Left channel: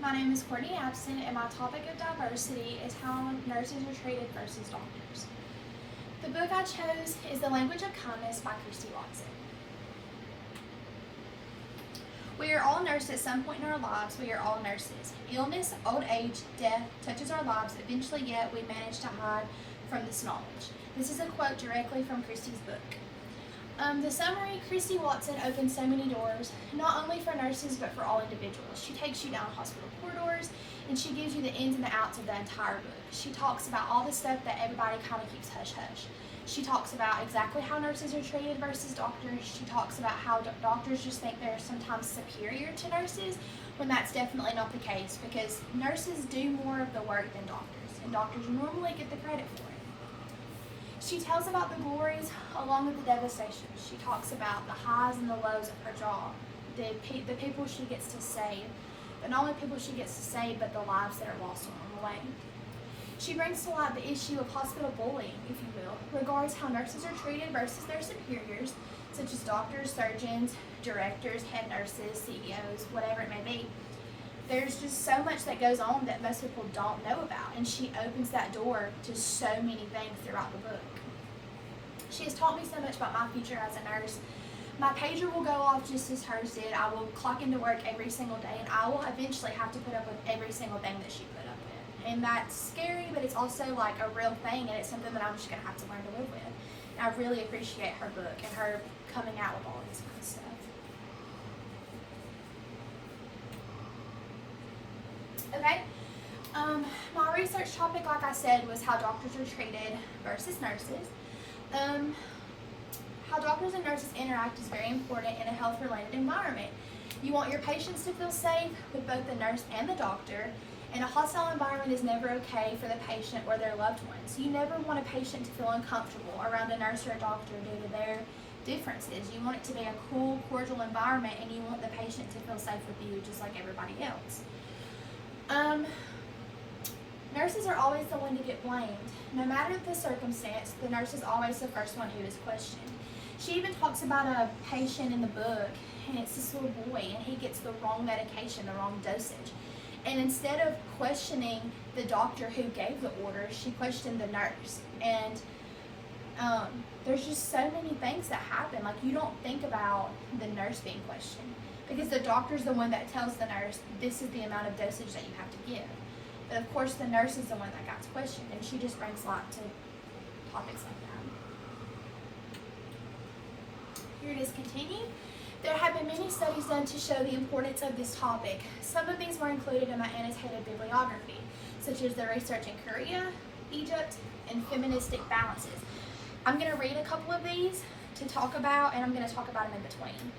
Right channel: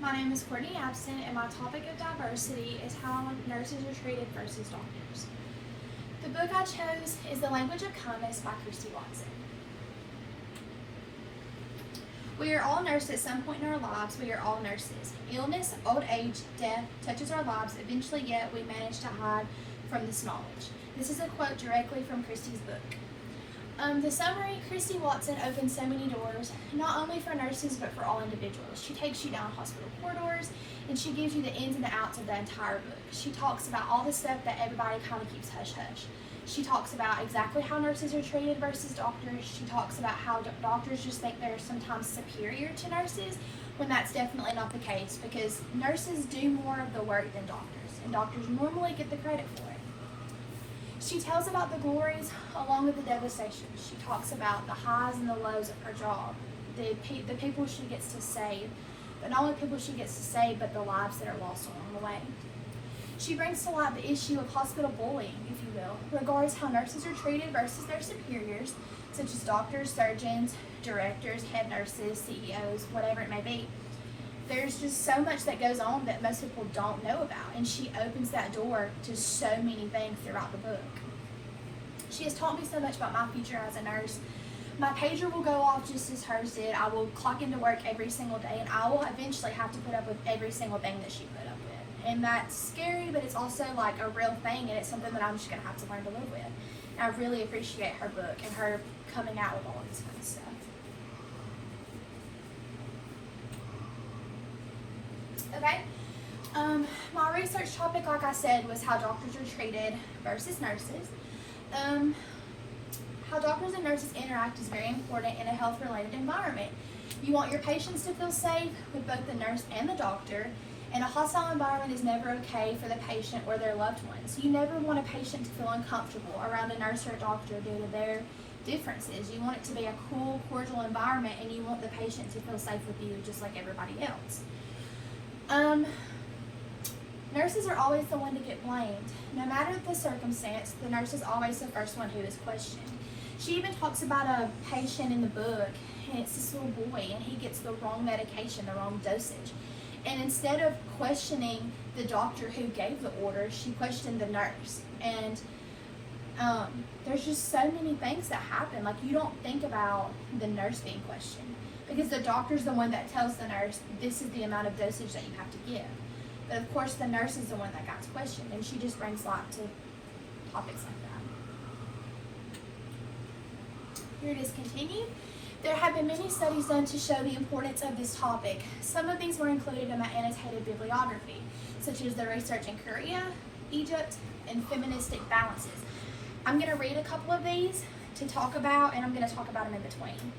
My name is Courtney Absent, and my topic of diversity is how nurses are treated versus doctors. The book I chose is The Language of Kindness by Christy Watson. We are all nursed at some point in our lives. We are all nurses. Illness, old age, death touches our lives eventually, yet we manage to hide from this knowledge. This is a quote directly from Christy's book. The summary, Christy Watson opens so many doors, not only for nurses, but for all individuals. She takes you down hospital corridors, and she gives you the ins and the outs of the entire book. She talks about all the stuff that everybody kind of keeps hush-hush. She talks about exactly how nurses are treated versus doctors. She talks about how doctors just think they're sometimes superior to nurses, when that's definitely not the case, because nurses do more of the work than doctors, and doctors normally get the credit for it. She tells about the glories along with the devastation. She talks about the highs and the lows of her job, the people she gets to save, but not only people she gets to save, but the lives that are lost along the way. She brings to light the issue of hospital bullying, if you will, regards how nurses are treated versus their superiors, such as doctors, surgeons, directors, head nurses, CEOs, whatever it may be. There's just so much that goes on that most people don't know about, and she opens that door to so many things throughout the book. She has taught me so much about my future as a nurse. My pager will go off just as hers did. I will clock into work every single day, and I will eventually have to put up with every single thing that she put up with. And that's scary, but it's also like a real thing, and it's something that I'm just gonna have to learn to live with. And I really appreciate her book and her coming out with all of this kind of stuff. Okay, my research topic, like I said, was how doctors are treated versus nurses. How doctors and nurses interact is very important in a health-related environment. You want your patients to feel safe with both the nurse and the doctor, and a hostile environment is never okay for the patient or their loved ones. You never want a patient to feel uncomfortable around a nurse or a doctor due to their differences. You want it to be a cool, cordial environment, and you want the patient to feel safe with you just like everybody else. Nurses are always the one to get blamed. No matter the circumstance, the nurse is always the first one who is questioned. She even talks about a patient in the book, and it's this little boy, and he gets the wrong medication, the wrong dosage. And instead of questioning the doctor who gave the order, she questioned the nurse. And there's just so many things that happen. Like, you don't think about the nurse being questioned, because the doctor's the one that tells the nurse, this is the amount of dosage that you have to give. But of course, the nurse is the one that got questioned, and she just brings light to topics like that. Here it is continued. There have been many studies done to show the importance of this topic. Some of these were included in my annotated bibliography, such as the research in Korea, Egypt, and feministic balances. I'm going to read a couple of these to talk about, and I'm going to talk about them in between.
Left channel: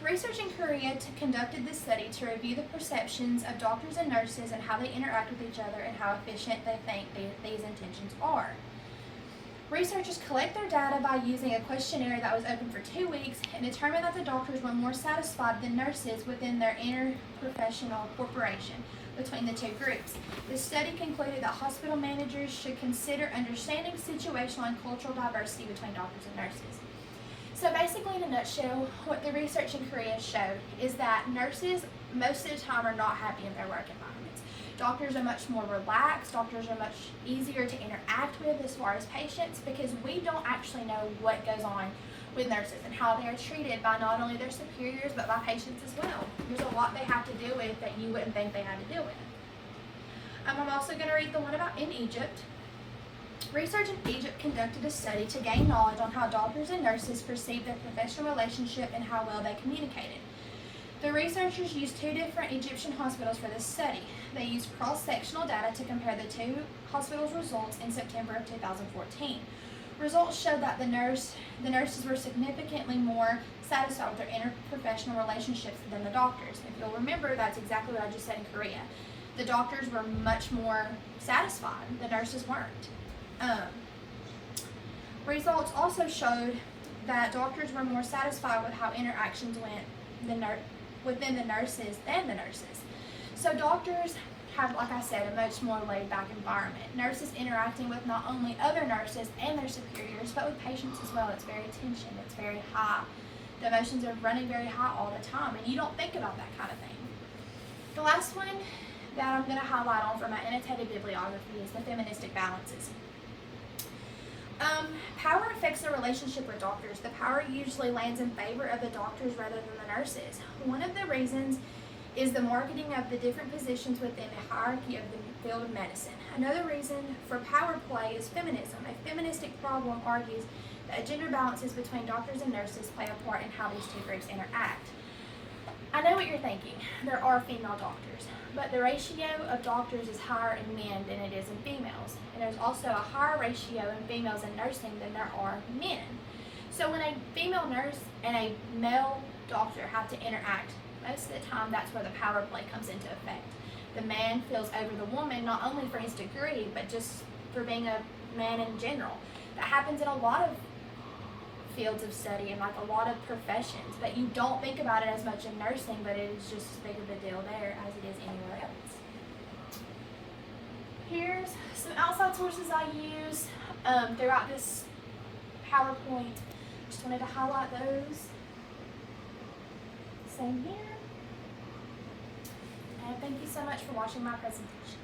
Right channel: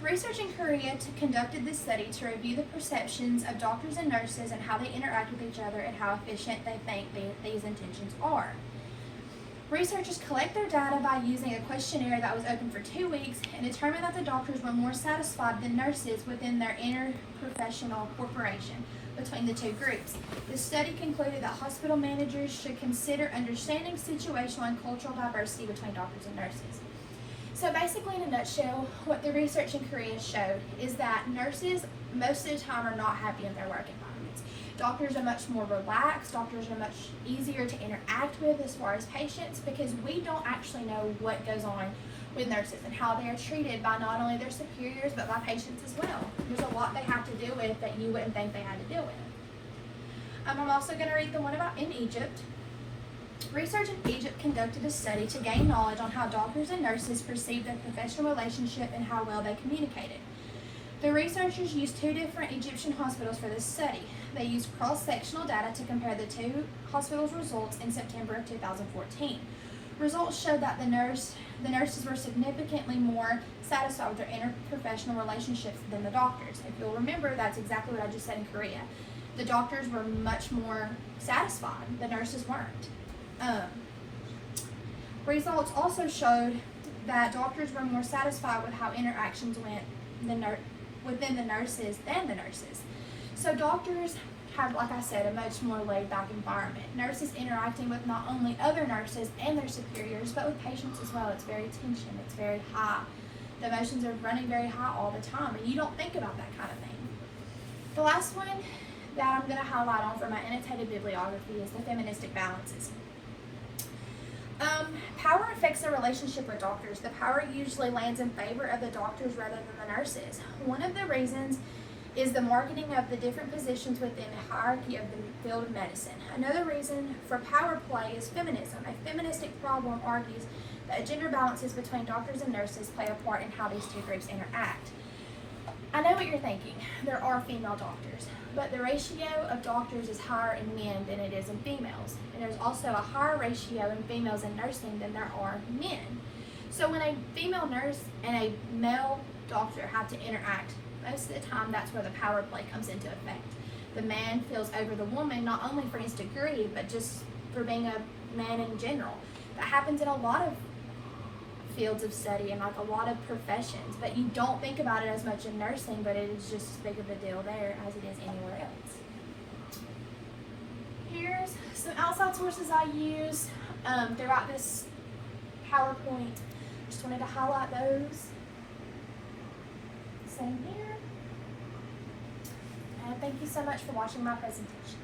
Research in Korea conducted this study to review the perceptions of doctors and nurses and how they interact with each other and how efficient they think these intentions are. Researchers collect their data by using a questionnaire that was open for 2 weeks and determined that the doctors were more satisfied than nurses within their interprofessional cooperation between the two groups. The study concluded that hospital managers should consider understanding situational and cultural diversity between doctors and nurses. So basically, in a nutshell, what the research in Korea showed is that nurses most of the time are not happy in their work environments. Doctors are much more relaxed. Doctors are much easier to interact with as far as patients, because we don't actually know what goes on with nurses and how they are treated by not only their superiors but by patients as well. There's a lot they have to deal with that you wouldn't think they had to deal with. I'm also going to read the one about in Egypt. Research in Egypt conducted a study to gain knowledge on how doctors and nurses perceived their professional relationship and how well they communicated. The researchers used 2 different Egyptian hospitals for this study. They used cross-sectional data to compare the 2 hospitals' results in September of 2014. Results showed that the nurses were significantly more satisfied with their interprofessional relationships than the doctors. If you'll remember, that's exactly what I just said in Korea. The doctors were much more satisfied, the nurses weren't. Results also showed that doctors were more satisfied with how interactions went within the nurses than the nurses. So doctors have, like I said, a much more laid-back environment. Nurses interacting with not only other nurses and their superiors, but with patients as well. It's very tension, it's very high. The emotions are running very high all the time, and you don't think about that kind of thing. The last one that I'm going to highlight on for my annotated bibliography is the feministic balances. Power affects the relationship with doctors. The power usually lands in favor of the doctors rather than the nurses. One of the reasons is the marketing of the different positions within the hierarchy of the field of medicine. Another reason for power play is feminism. A feministic problem argues that gender balances between doctors and nurses play a part in how these two groups interact. I know what you're thinking. There are female doctors, but the ratio of doctors is higher in men than it is in females. And there's also a higher ratio in females in nursing than there are men. So when a female nurse and a male doctor have to interact, most of the time that's where the power play comes into effect. The man feels over the woman, not only for his degree, but just for being a man in general. That happens in a lot of fields of study and like a lot of professions, but you don't think about it as much in nursing, but it is just as big of a deal there as it is anywhere else. Here's some outside sources I use throughout this PowerPoint. Just wanted to highlight those. Same here. And thank you so much for watching my presentation.